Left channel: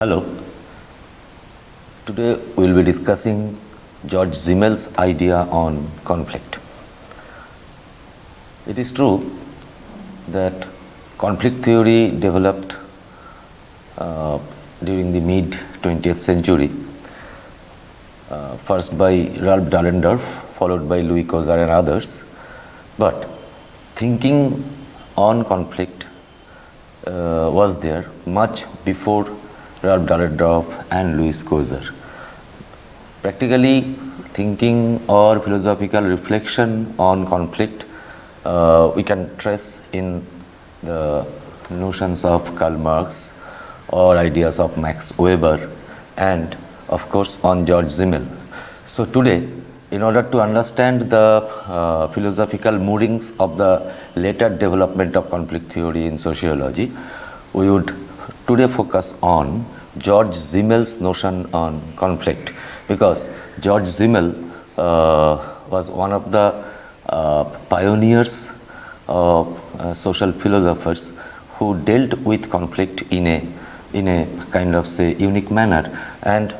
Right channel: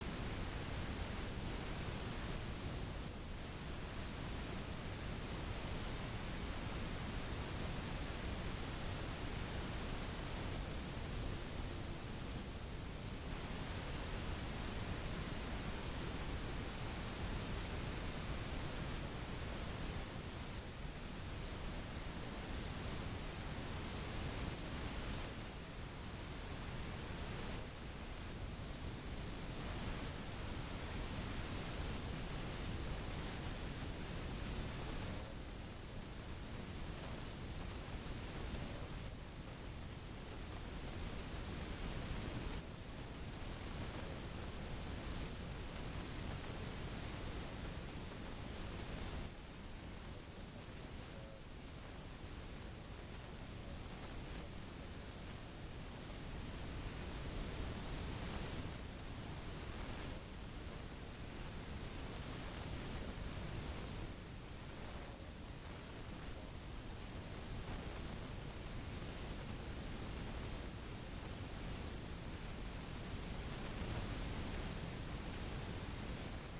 Hello. Today we will be discussing Georg Simmel's idea on conflict. It is true that conflict theory developed during the mid 20th century, first by Ralph Dahrendorf, followed by Louis Kozer and others. But thinking on conflict was there much before Ralph Dahrendorf and Louis Kozer. Practically, thinking or philosophical reflection on conflict we can trace in the notions of Karl Marx or ideas of Max Weber and of course on Georg Simmel. So today, in order to understand the philosophical moorings of the later development of conflict theory in sociology, we would today focus on Georg Simmel's notion on conflict, because Georg Simmel was one of the pioneers of social philosophers who dealt with conflict in a kind of say unique manner. And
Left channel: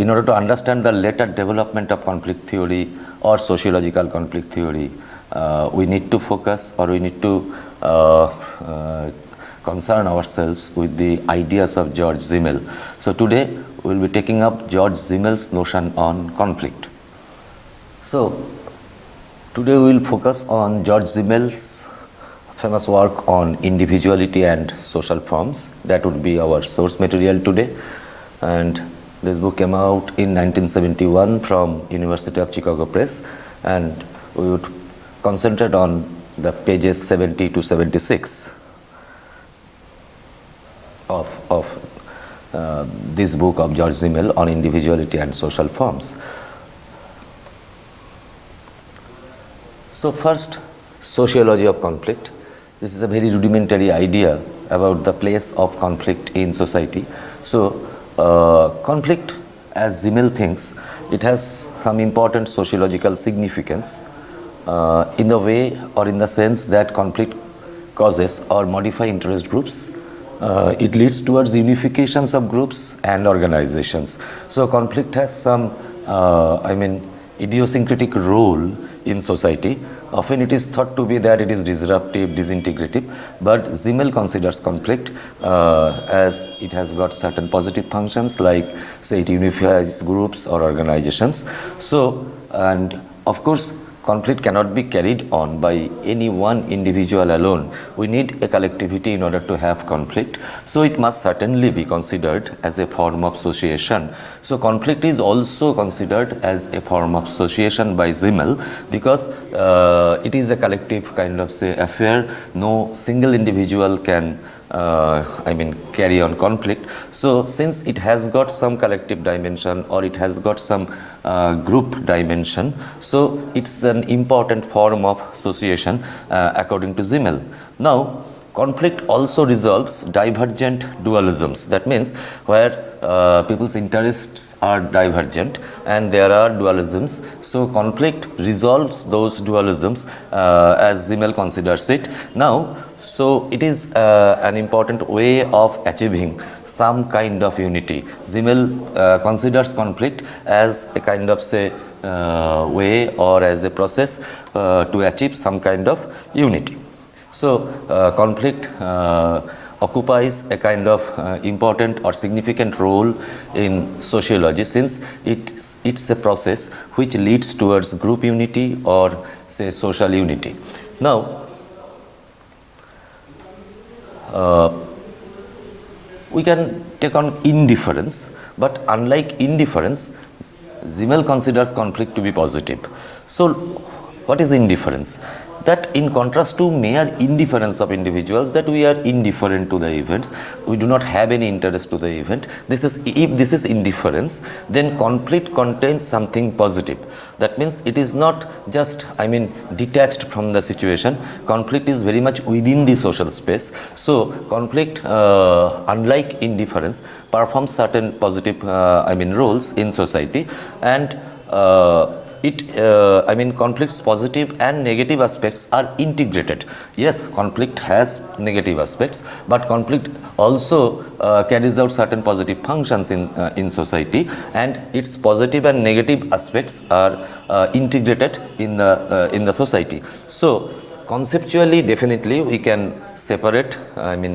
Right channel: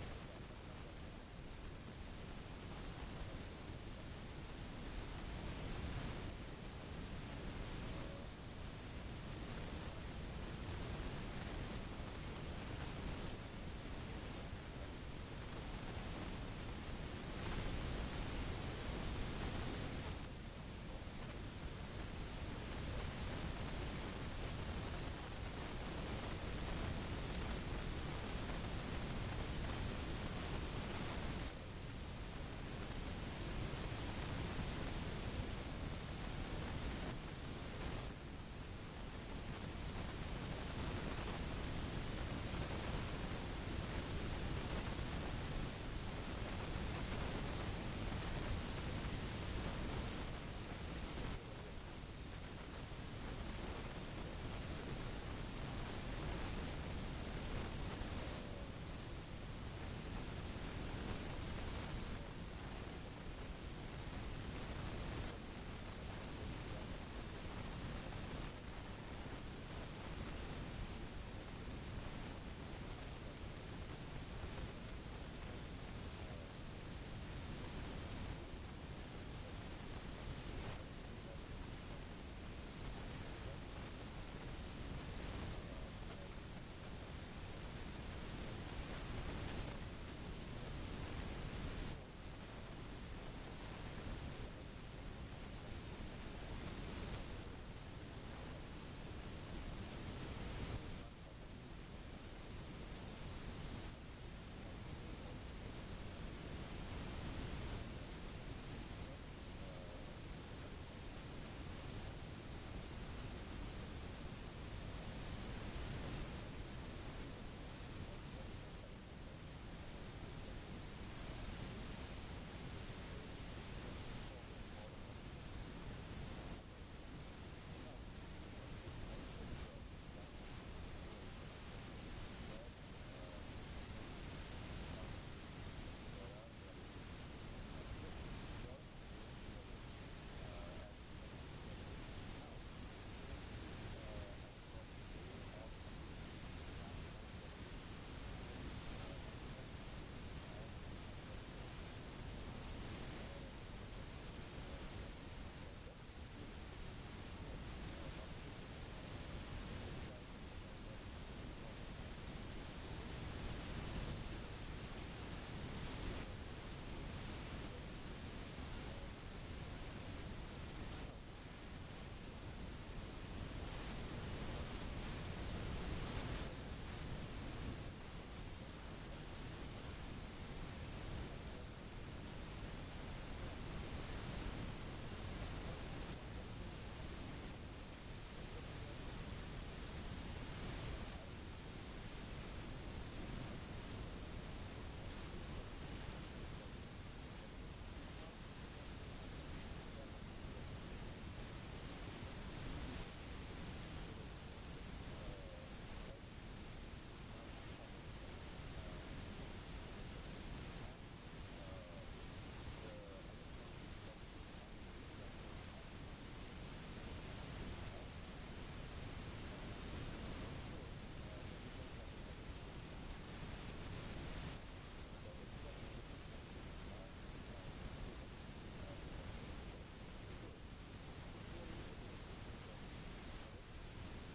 in order to understand the later development of conflict theory or sociological conflict theory, we need to focus or we need to concern ourselves with the ideas of Georg Simmel. So today we will be taking up Georg Simmel's notion on conflict. So today we will focus on Georg Simmel's famous work on individuality and social forms. That would be our source material today. And this book came out in 1971 from University of Chicago Press, and we would concentrate on the pages 70 to 76 of this book of Georg Simmel on individuality and social forms. So first, sociology of conflict. This is a very rudimentary idea about the place of conflict in society. So conflict, as Simmel thinks, it has some important sociological significance in the way or in the sense that conflict causes or modify interest groups. It leads towards unifications of groups and organizations. So conflict has some, idiosyncratic role in society. Often it is thought to be that it is disruptive, disintegrative, but Simmel considers conflict as it has got certain positive functions, like say it unifies groups or organizations. So, and of course, conflict cannot be carried on by any one individual alone. We need a collectivity in order to have conflict. So it must certainly be considered as a form of association. So conflict is also considered as a form of association by Simmel, because it is a collective kind of say affair. No single individual can carry on conflict. So since it has got some collective dimension or it has got some group dimension, so it's an important form of association according to Simmel. Now, conflict also resolves divergent dualisms. That means where people's interests are divergent and there are dualisms. So conflict resolves those dualisms as Simmel considers it. Now, so it is an important way of achieving some kind of unity. Simmel considers conflict as a kind of say way or as a process to achieve some kind of unity. So conflict occupies a kind of important or significant role in sociology, since it's a process which leads towards group unity or say social unity. Now, we can take on indifference, but unlike indifference, Simmel considers conflict to be positive. So what is indifference? That in contrast to mere indifference of individuals, that we are indifferent to the events, we do not have any interest to the event. If this is indifference, then conflict contains something positive. That means it is not just detached from the situation. Conflict is very much within the social space. So conflict, unlike indifference, performs certain positive roles in society, and conflict's positive and negative aspects are integrated. Yes, conflict has negative aspects, but conflict also carries out certain positive functions in society, and its positive and negative aspects are integrated in the society. So conceptually, definitely we can separate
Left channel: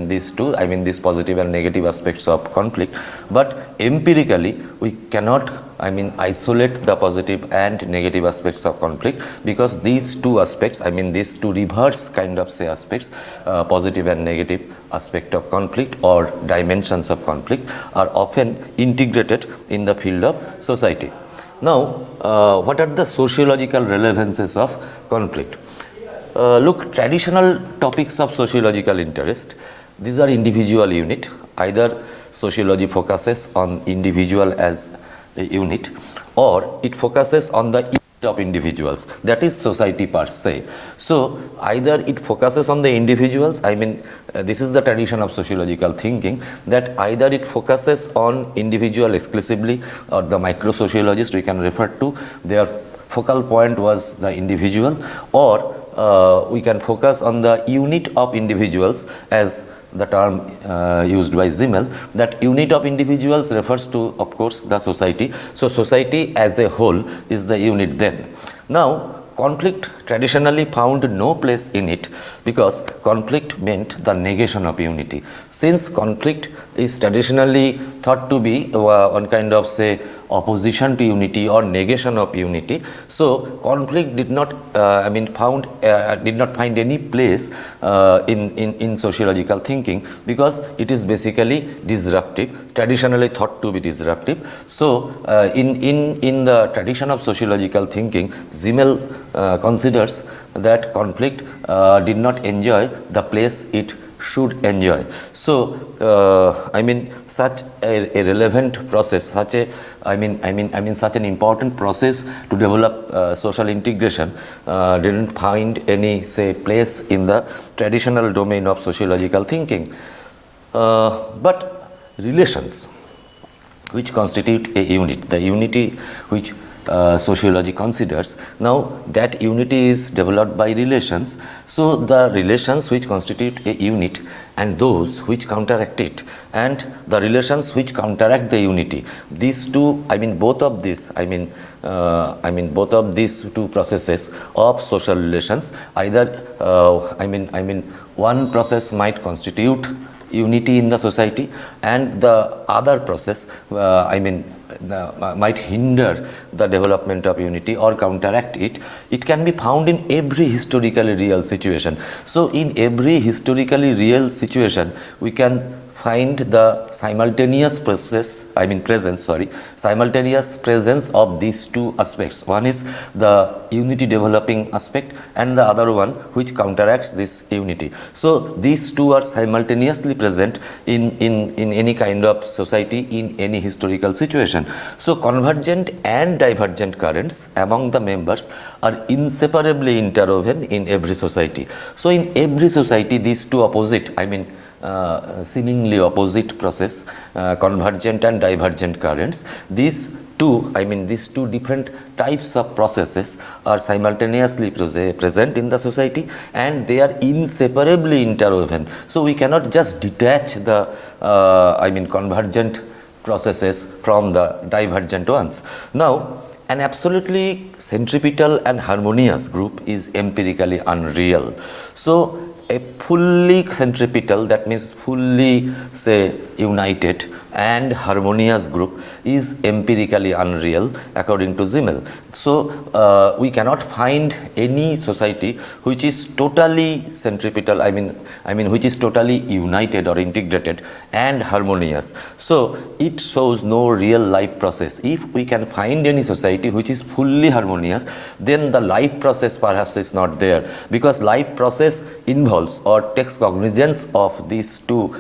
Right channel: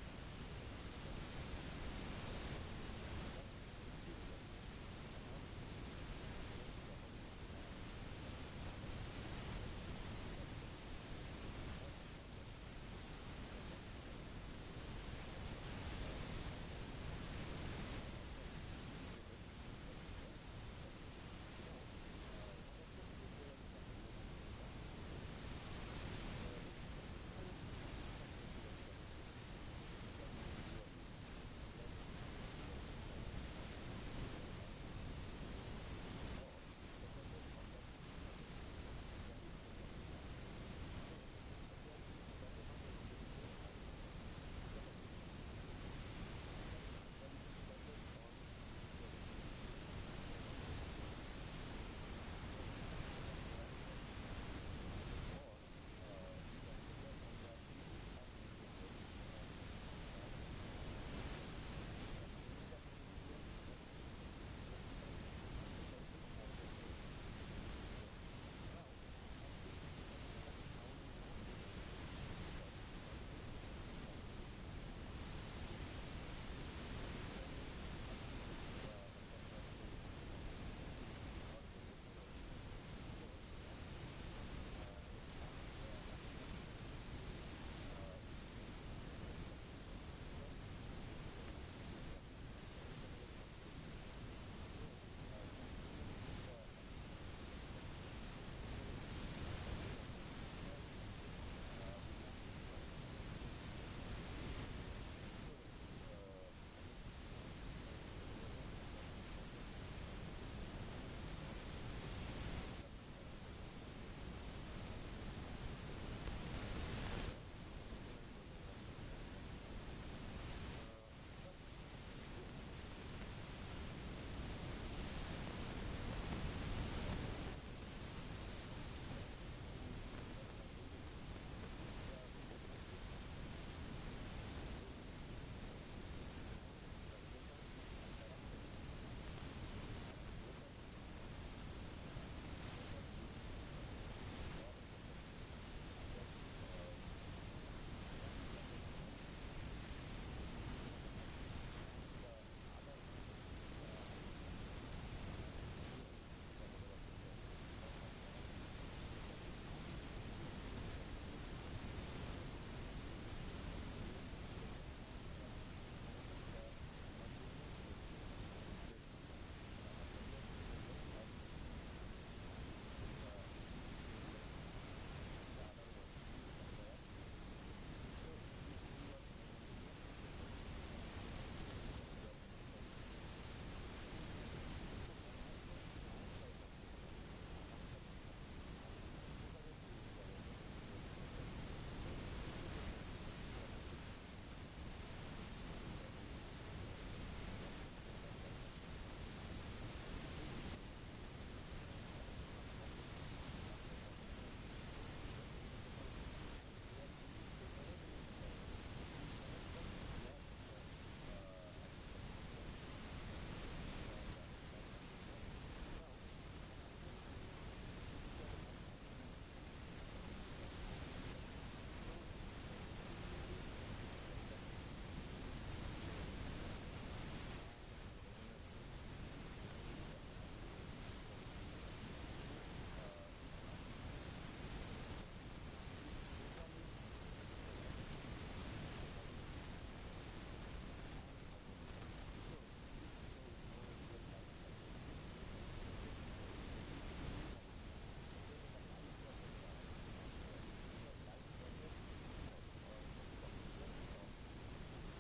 these two, these positive and negative aspects of conflict, but empirically we cannot isolate the positive and negative aspects of conflict, because these two aspects, these two reverse kind of say aspects, positive and negative aspect of conflict or dimensions of conflict, are often integrated in the field of society. Now, what are the sociological relevances of conflict? Look, traditional topics of sociological interest, these are individual unit. Either sociology focuses on individual as a unit, or it focuses on the unit of individuals, that is society per se. So either it focuses on the individuals, this is the tradition of sociological thinking, that either it focuses on individual exclusively, or the micro-sociologists we can refer to, their focal point was the individual, or we can focus on the unit of individuals, as the term used by Simmel, that unit of individuals refers to, of course, the society. So society as a whole is the unit then. Now, conflict traditionally found no place in it, because conflict meant the negation of unity. Since conflict is traditionally thought to be one kind of say opposition to unity or negation of unity, so conflict did not find any place in sociological thinking, because it is basically disruptive, traditionally thought to be disruptive. So in the tradition of sociological thinking, Simmel considers that conflict did not enjoy the place it should enjoy. So such a relevant process, such a such an important process to develop social integration didn't find any say place in the traditional domain of sociological thinking. But relations which constitute a unit, the unity which sociology considers, now that unity is developed by relations. So the relations which constitute a unit and those which counteract it, and the relations which counteract the unity, these two, both of these, both of these two processes of social relations, either one process might constitute unity in the society, and the other process might hinder the development of unity or counteract it. It can be found in every historically real situation. So in every historically real situation, we can find the simultaneous simultaneous presence of these two aspects. One is the unity developing aspect, and the other one which counteracts this unity. So these two are simultaneously present in any kind of society, in any historical situation. So convergent and divergent currents among the members are inseparably interwoven in every society. So in every society, these two opposite, seemingly opposite process, convergent and divergent currents, these two different types of processes are simultaneously present in the society, and they are inseparably interwoven. So we cannot just detach the convergent processes from the divergent ones. Now, an absolutely centripetal and harmonious group is empirically unreal. So a fully centripetal, that means fully say united and harmonious group, is empirically unreal according to Simmel. So we cannot find any society which is totally centripetal, which is totally united or integrated and harmonious. So it shows no real life process. If we can find any society which is fully harmonious, then the life process perhaps is not there, because life process involves or takes cognizance of these two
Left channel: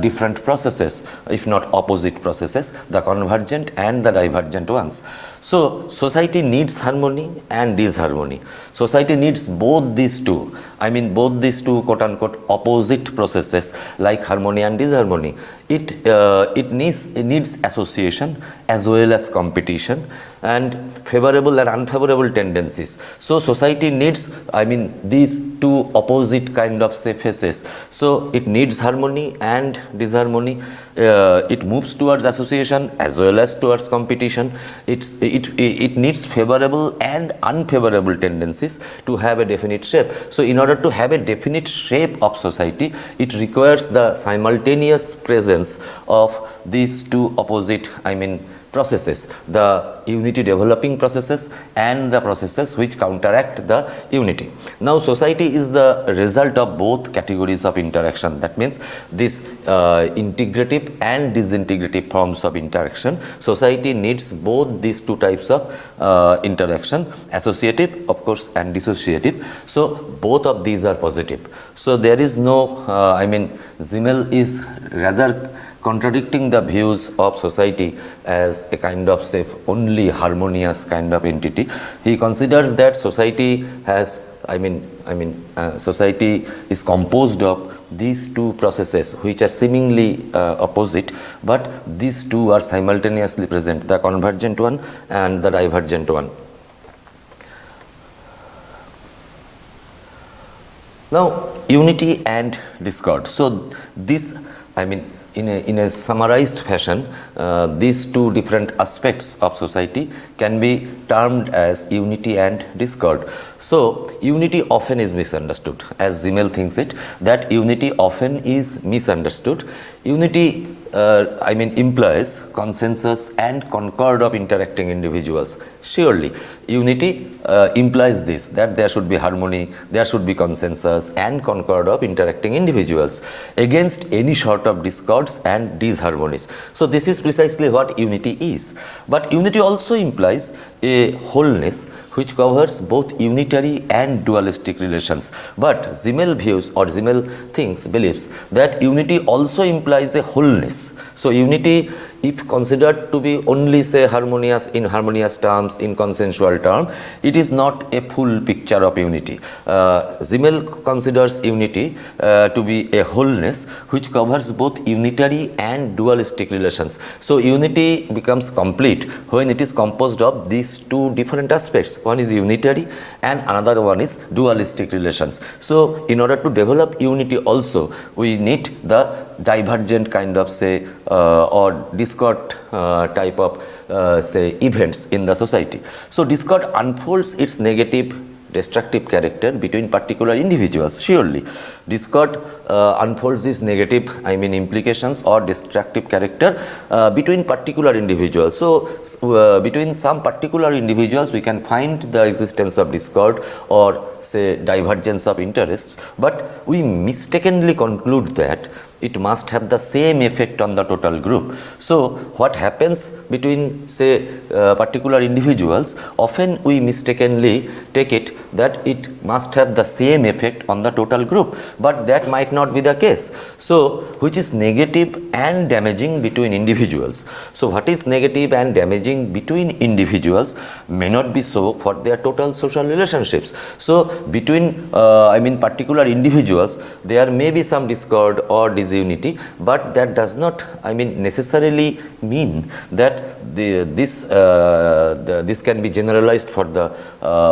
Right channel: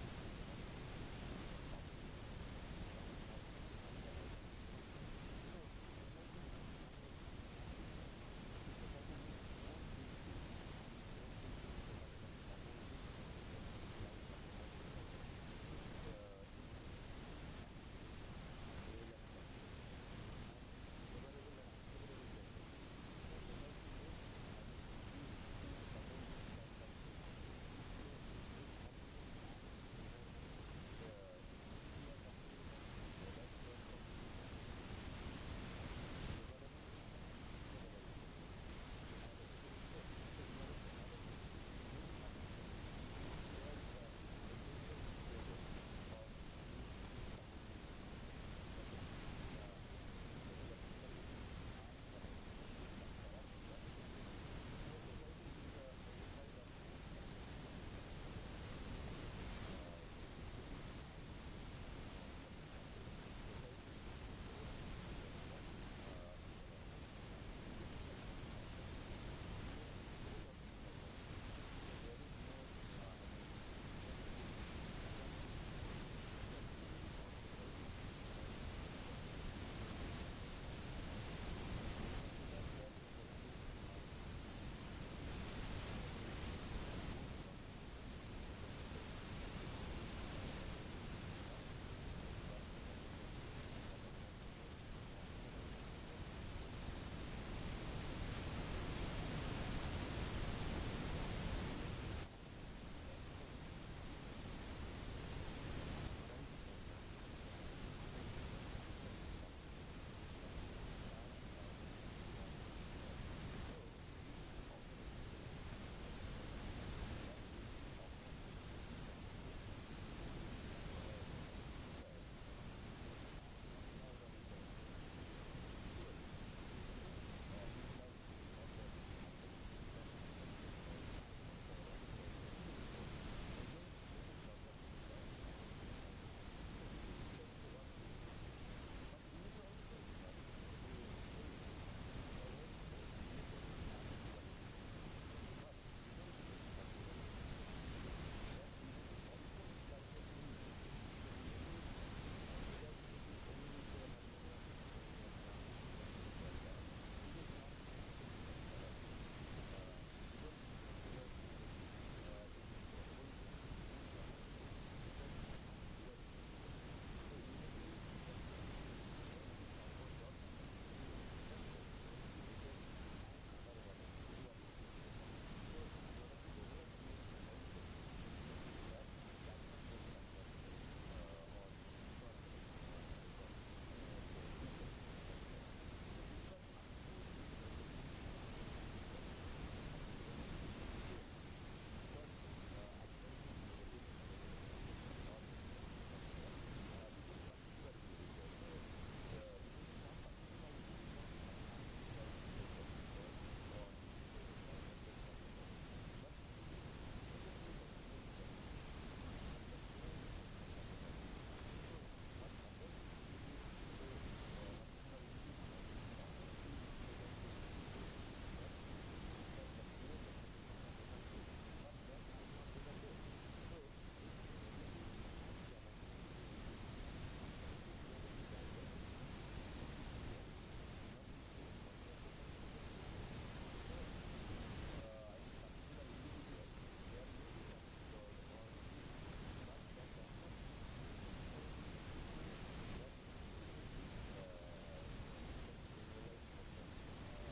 different processes, if not opposite processes, the convergent and the divergent ones. So society needs harmony and disharmony. Society needs both these two. I mean both these two quote unquote opposite processes like harmony and disharmony. It needs association as well as competition and favorable and unfavorable tendencies. So society needs, I mean, these two opposite kind of say phases. So it needs harmony and disharmony. It moves towards association as well as towards competition. It needs favorable and unfavorable tendencies to have a definite shape. So in order to have a definite shape of society, it requires the simultaneous presence of these two opposite, I mean, processes, the unity developing processes and the processes which counteract the unity. Now society is the result of both categories of interaction. That means this integrative and disintegrative forms of interaction. Society needs both these two types of interaction, associative of course and dissociative. So both of these are positive. So there is no I mean Simmel is rather contradicting the views of society as a kind of say only harmonious kind of entity. He considers that society has, society is composed of these two processes which are seemingly opposite, but these two are simultaneously present, the convergent one and the divergent one. Now unity and discord. So this, I mean, in a summarized fashion, these two different aspects of society can be termed as unity and discord. So unity often is misunderstood, as Simmel thinks it, that unity often is misunderstood. Unity implies consensus and concord of interacting individuals. Surely unity implies this, that there should be harmony, there should be consensus and concord of interacting individuals against any sort of discords and disharmonies. So this is precisely what unity is. But unity also implies a wholeness which covers both unitary and dualistic relations. But Simmel views, or Simmel believes that unity also implies a wholeness. So unity, if considered to be only say harmonious in harmonious terms, in consensual term, it is not a full picture of unity. Simmel considers unity to be a wholeness which covers both unitary and dualistic relations. So unity becomes complete when it is composed of these two different aspects. One is unitary and another one is dualistic relations. So in order to develop unity also, we need the divergent kind of say or discord type of say events in the society. So discord unfolds its negative destructive character between particular individuals. Surely discord unfolds these negative implications or destructive character between particular individuals. So between some particular individuals we can find the existence of discord or say divergence of interests, but we mistakenly conclude that it must have the same effect on the total group. So what happens between say particular individuals, often we mistakenly take it that it must have the same effect on the total group, but that might not be the case. So which is negative and damaging between individuals. So what is negative and damaging between individuals may not be so for their total social relationships. So between particular individuals there may be some discord or disunity, but that does not necessarily mean that this can be generalized for the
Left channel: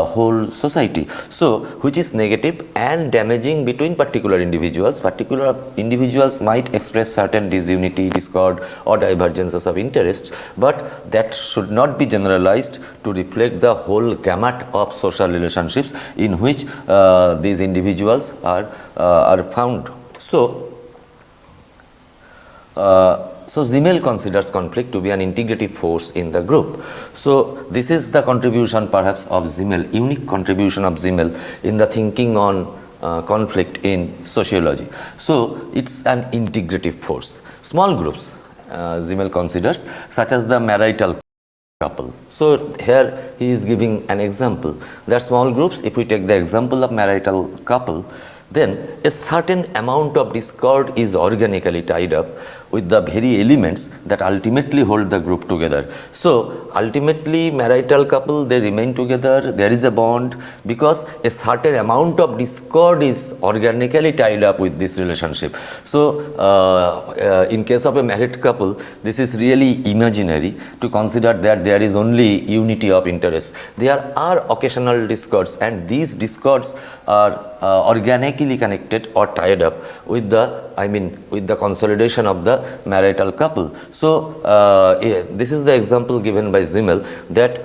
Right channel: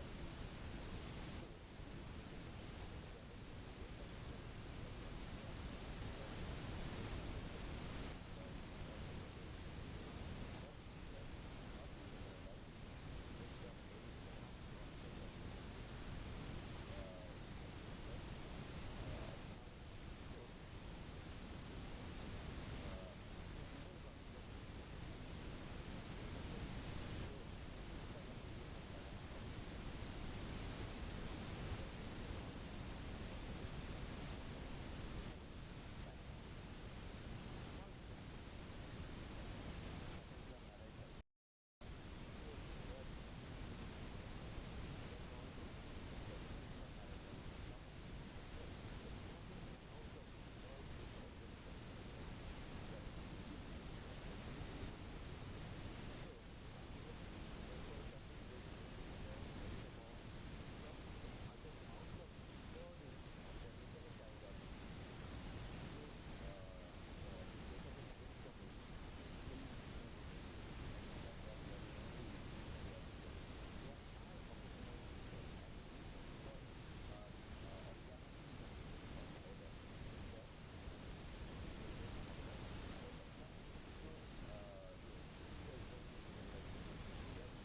whole society. So which is negative and damaging between particular individuals. Particular individuals might express certain disunity, discord or divergences of interests, but that should not be generalized to reflect the whole gamut of social relationships in which these individuals are found. So Simmel considers conflict to be an integrative force in the group. So this is the contribution perhaps of Simmel, unique contribution of Simmel in the thinking on conflict in sociology. So it's an integrative force. Small groups Simmel considers, such as the marital couple. So here he is giving an example that small groups, if we take the example of marital couple, then a certain amount of discord is organically tied up with the very elements that ultimately hold the group together. So ultimately marital couple, they remain together, there is a bond because a certain amount of discord is organically tied up with this relationship. So in case of a married couple, this is really imaginary to consider that there is only unity of interest. There are occasional discords, and these discords are organically connected or tied up with the consolidation of the marital couple. So this is the example given by Simmel that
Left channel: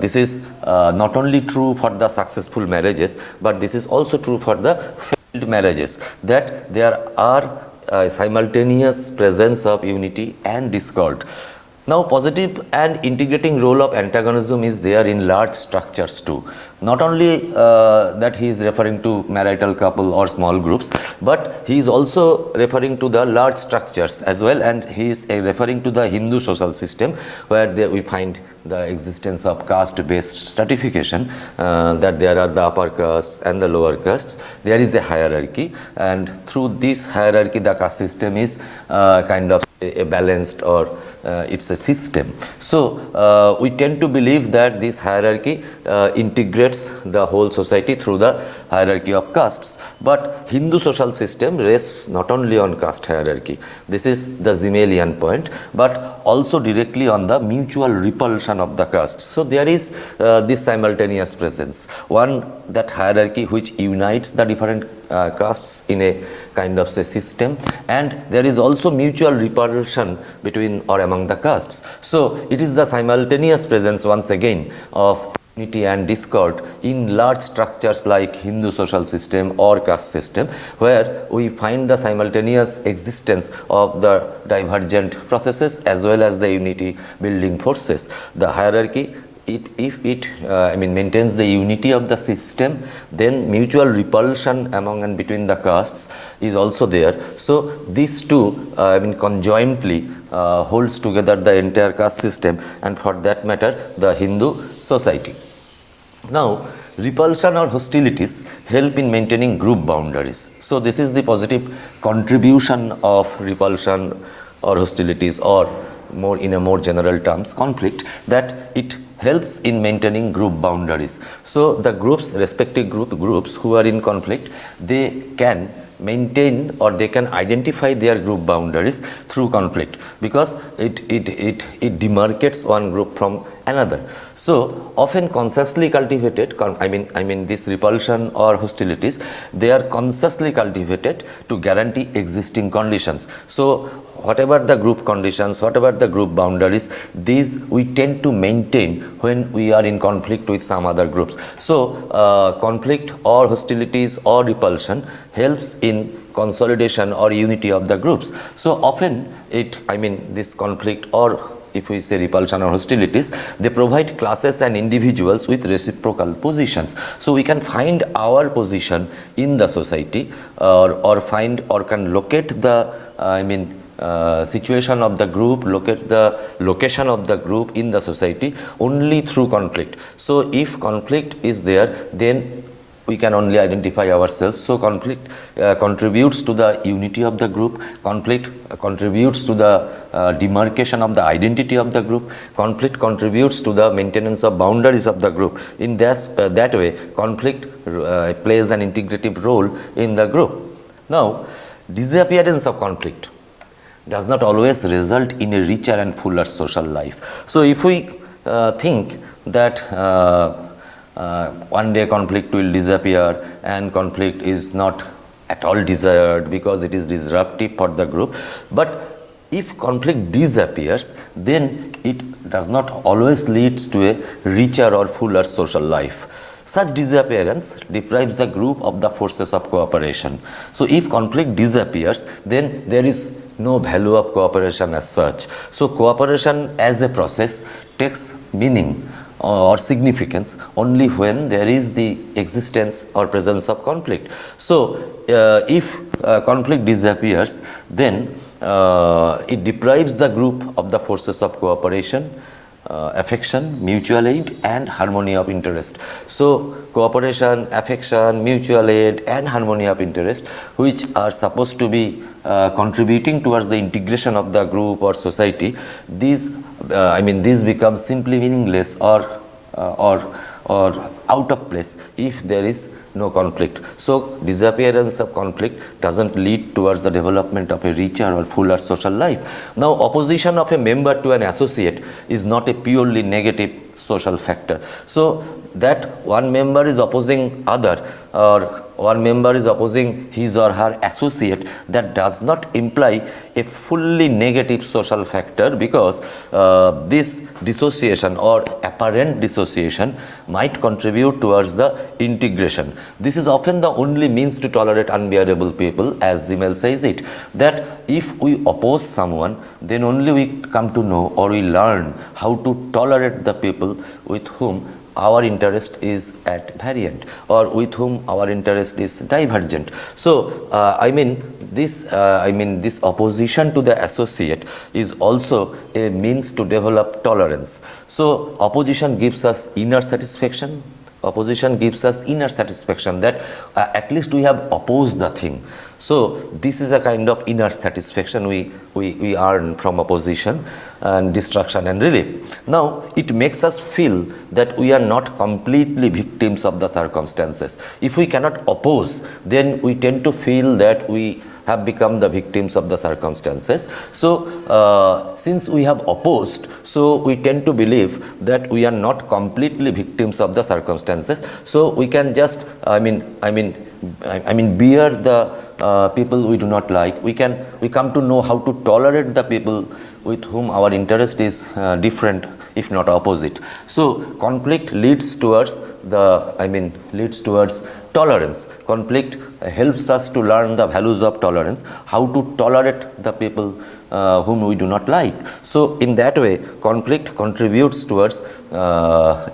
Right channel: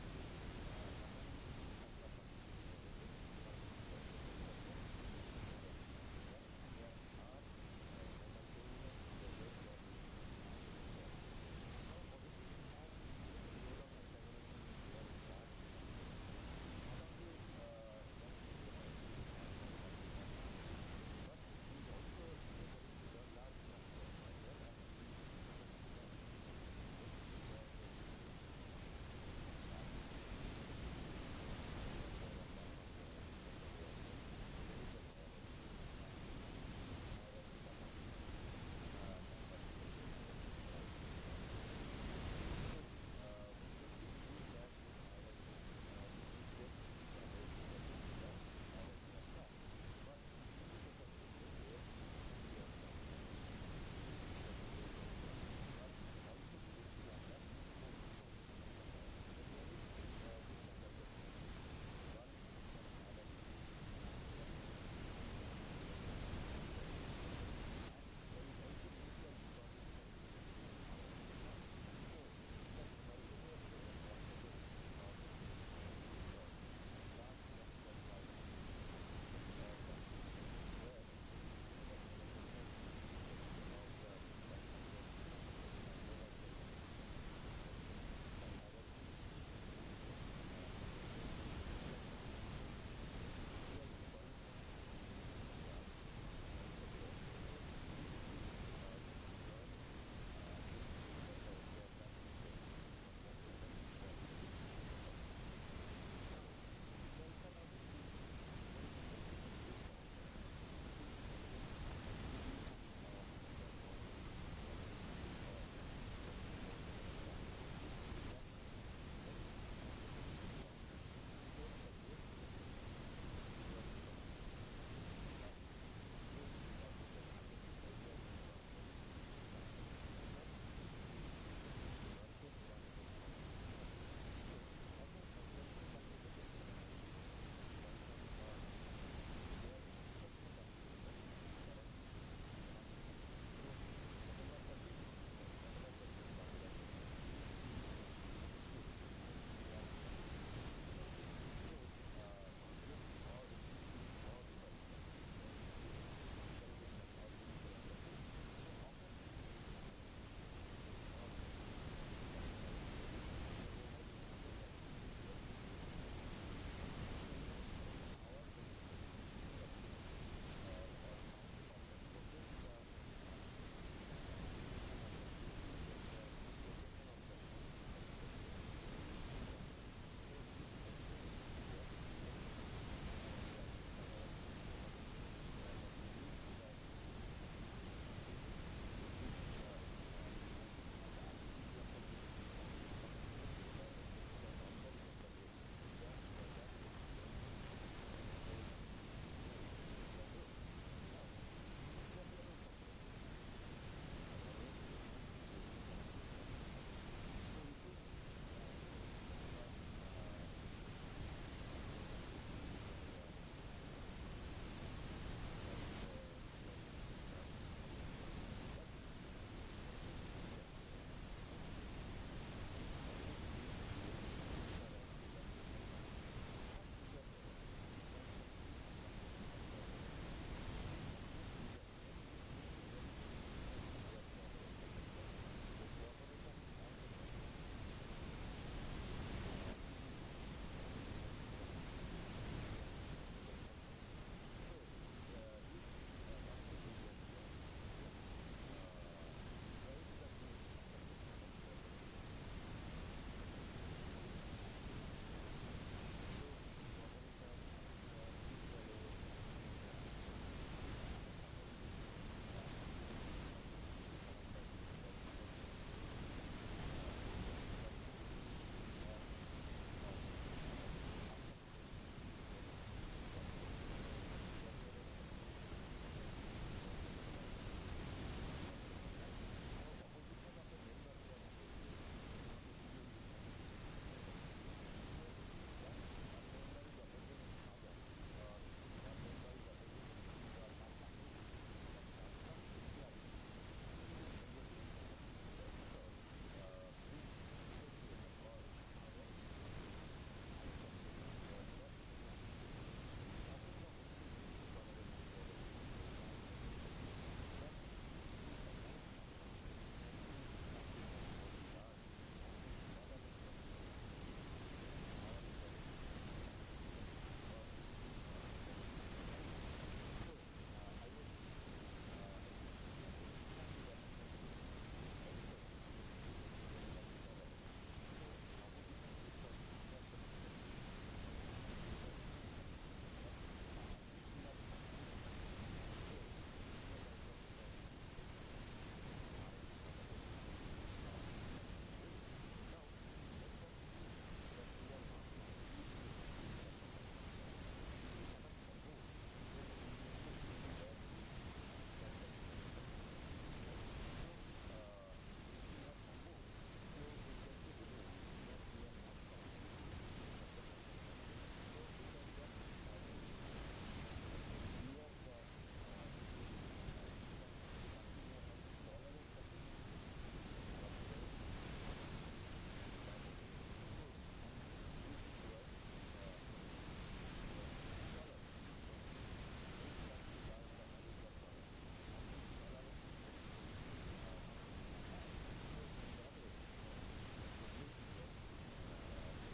this is not only true for the successful marriages, but this is also true for the failed marriages, that there are simultaneous presence of unity and discord. Now, positive and integrating role of antagonism is there in large structures too. Not only that he is referring to marital couple or small groups, but he is also referring to the large structures as well, and he is referring to the Hindu social system where we find the existence of caste-based stratification, that there are the upper castes and the lower castes. There is a hierarchy, and through this hierarchy the caste system is kind of a balanced, or it's a system. So we tend to believe that this hierarchy integrates the whole society through the hierarchy of castes. But Hindu social system rests not only on caste hierarchy, this is the Simmelian point, but also directly on the mutual repulsion of the castes. So there is this simultaneous presence, one that hierarchy which unites the different castes in a kind of say system, and there is also mutual repulsion between or among the castes. So it is the simultaneous presence once again of unity and discord in large structures like Hindu social system or caste system, where we find the simultaneous existence of the divergent processes as well as the unity building forces. The hierarchy, if it maintains the unity of the system, then mutual repulsion among and between the castes is also there. So these two conjointly holds together the entire caste system, and for that matter the Hindu society. Now, repulsion or hostilities help in maintaining group boundaries. So this is the positive contribution of repulsion or hostilities, or more in a more general terms conflict, that it helps in maintaining group boundaries. So the groups, respective groups who are in conflict, they can maintain or they can identify their group boundaries through conflict, because it demarcates one group from another. So often consciously cultivated, this repulsion or hostilities, they are consciously cultivated to guarantee existing conditions. So whatever the group conditions, whatever the group boundaries, these we tend to maintain when we are in conflict with some other groups. So conflict or hostilities or repulsion helps in consolidation or unity of the groups. So often this conflict, or if we say repulsion or hostilities, they provide classes and individuals with reciprocal positions. So we can find our position in the society, or find or can locate the situation of the group, locate the location of the group in the society only through conflict. So if conflict is there, then we can only identify ourselves. So conflict contributes to the unity of the group, conflict contributes to the demarcation of the identity of the group, conflict contributes to the maintenance of boundaries of the group. In that way, conflict plays an integrative role in the group. Now, disappearance of conflict does not always result in a richer and fuller social life. So if we think that one day conflict will disappear, and conflict is not at all desired because it is disruptive for the group, but if conflict disappears, then it does not always lead to a richer or fuller social life. Such disappearance deprives the group of the forces of cooperation. So if conflict disappears, then there is no value of cooperation as such. So cooperation as a process takes meaning or significance only when there is the existence or presence of conflict. So if conflict disappears, then it deprives the group of the forces of cooperation, affection, mutual aid, and harmony of interest. So cooperation, affection, mutual aid, and harmony of interest, which are supposed to be contributing towards the integration of the group or society, these these become simply meaningless or out of place if there is no conflict. So disappearance of conflict doesn't lead towards the development of a richer or fuller social life. Now, opposition of a member to an associate is not a purely negative social factor. So that one member is opposing other, or one member is opposing his or her associate, that does not imply a fully negative social factor, because this dissociation or apparent dissociation might contribute towards the integration. This is often the only means to tolerate unbearable people, as Simmel says it, that if we oppose someone, then only we come to know or we learn how to tolerate the people with whom our interest is at variant, or with whom our interest is divergent. So this opposition to the associate is also a means to develop tolerance. So opposition gives us inner satisfaction. Opposition gives us inner satisfaction that at least we have opposed the thing. So this is a kind of inner satisfaction we earn from opposition and destruction and relief. Now, it makes us feel that we are not completely victims of the circumstances. If we cannot oppose, then we tend to feel that we have become the victims of the circumstances. So since we have opposed, so we tend to believe that we are not completely victims of the circumstances. So we can just bear the people we do not like. We come to know how to tolerate the people with whom our interest is different, if not opposite. So conflict leads towards tolerance. Conflict helps us to learn the values of tolerance, how to tolerate the people whom we do not like. So in that way, conflict contributes towards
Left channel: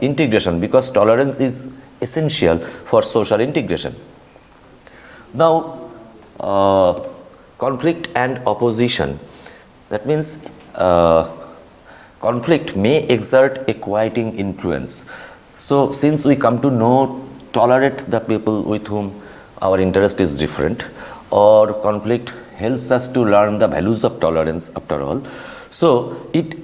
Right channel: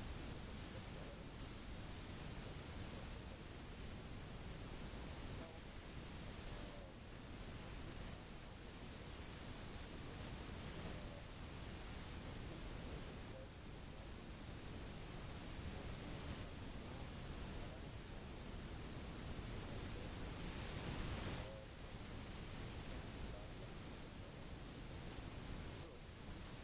integration, because tolerance is essential for social integration. Now, conflict and opposition, that means conflict may exert a quieting influence. So since we come to know, tolerate the people with whom our interest is different, or conflict helps us to learn the values of tolerance after all, so it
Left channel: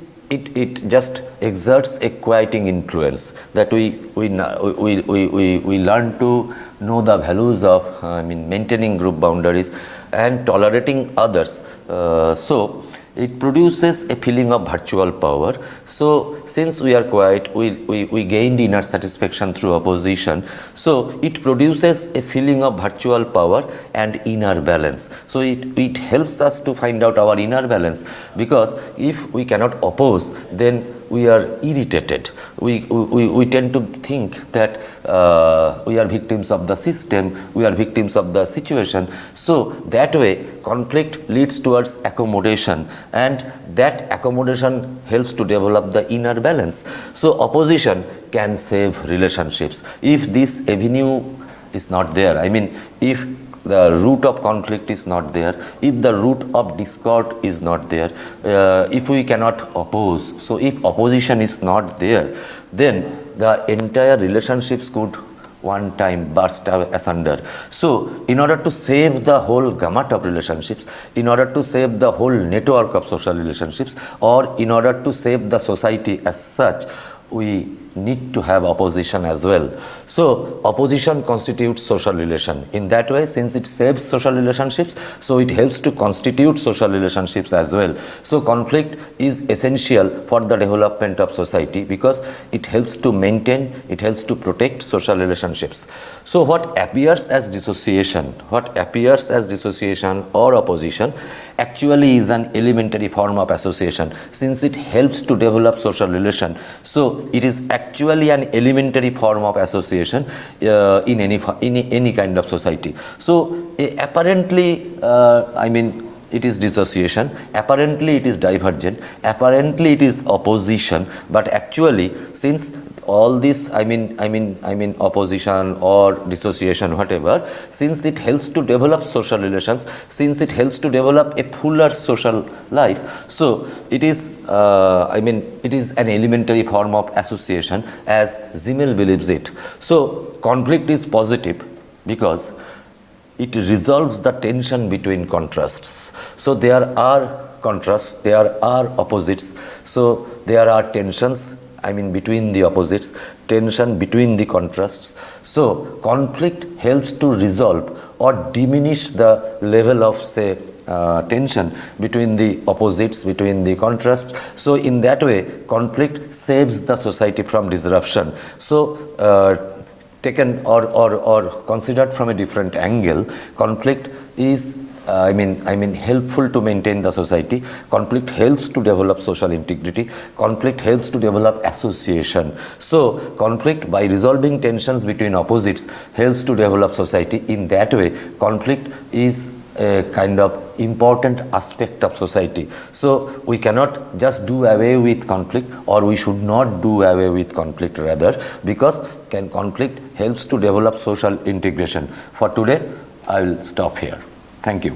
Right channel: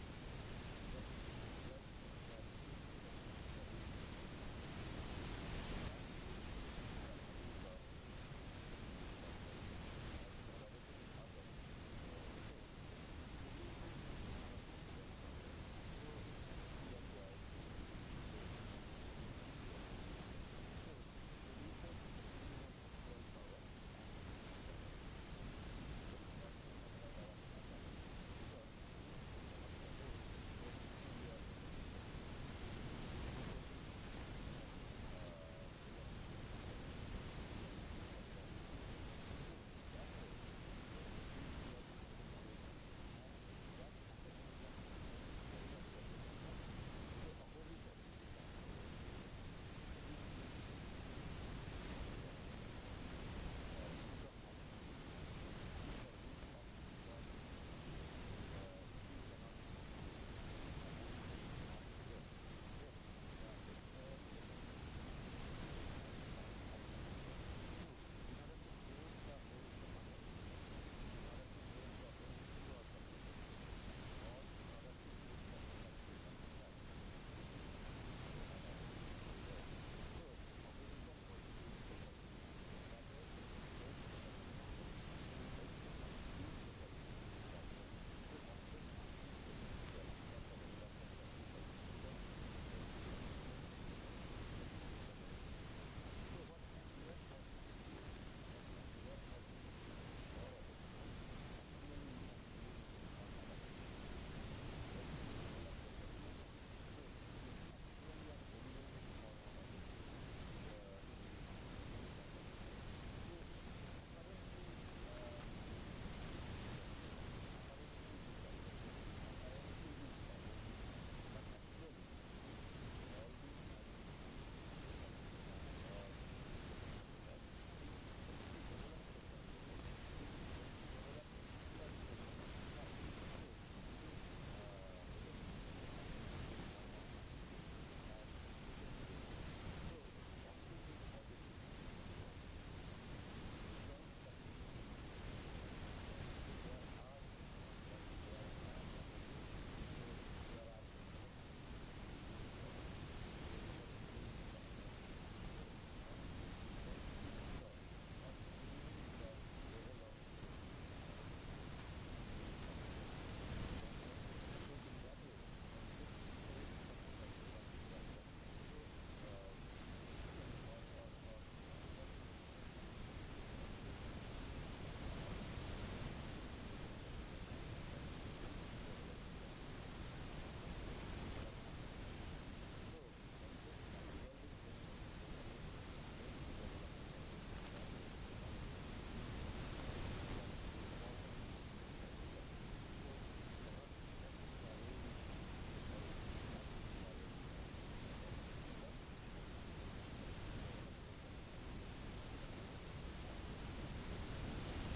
just exerts a quieting influence, that we learn to know the values of maintaining group boundaries and tolerating others. So it produces a feeling of virtual power. So since we are quiet, we gained inner satisfaction through opposition. So it produces a feeling of virtual power and inner balance. So it helps us to find out our inner balance, because if we cannot oppose, then we are irritated. We tend to think that we are victims of the system, we are victims of the situation. So that way, conflict leads towards accommodation, and that accommodation helps to develop the inner balance. So opposition can save relationships. If this avenue is not there, if the root of conflict is not there, if the root of discord is not there, if we cannot oppose, so if opposition is not there, then the entire relationships could one time burst asunder. So in order to save the whole gamut of relationships, in order to save the whole network of social relationships, or in order to save the society as such, we need to have opposition as well. So opposition constitutes social relation. In that way, since it saves social relationships, so it helps to constitute social relationships as well. So conflict is essential for the development of society, because it helps to maintain, it helps to protect social relationships. So what appears as dissociation or opposition actually is an elementary form of association, since it helps to develop social relation. So it is actually an elementary form of association in any kind of society. So apparently, it is dissociation, apparently it is divergent, apparently it is opposition, but actually, since all this opposition or dissociation, whatever, since it helps to develop social relations, since it helps to develop a fuller social life, so it is it is an elementary form of association, as Simmel believes it. So conflict is positive, because it resolves the tension between contrasts. So there are contrasts, there are opposites, so there are tensions, I mean between the opposites, tension between the contrasts. So conflict helps to resolve or diminish the level of, say, tension between the opposites, between the contrasts. So in that way, conflict saves the society from disruption. So taken or considered from a different angle, conflict is helpful to maintain the society. Conflict helps to develop social integrity. Conflict helps to develop association. So conflict, by resolving tensions between opposites, helps to develop society. In that way, conflict is a kind of important aspect of society. So we cannot just do away with conflict, or we should not do away with conflict rather, because conflict helps to develop social integration. For today, I will stop here. Thank you.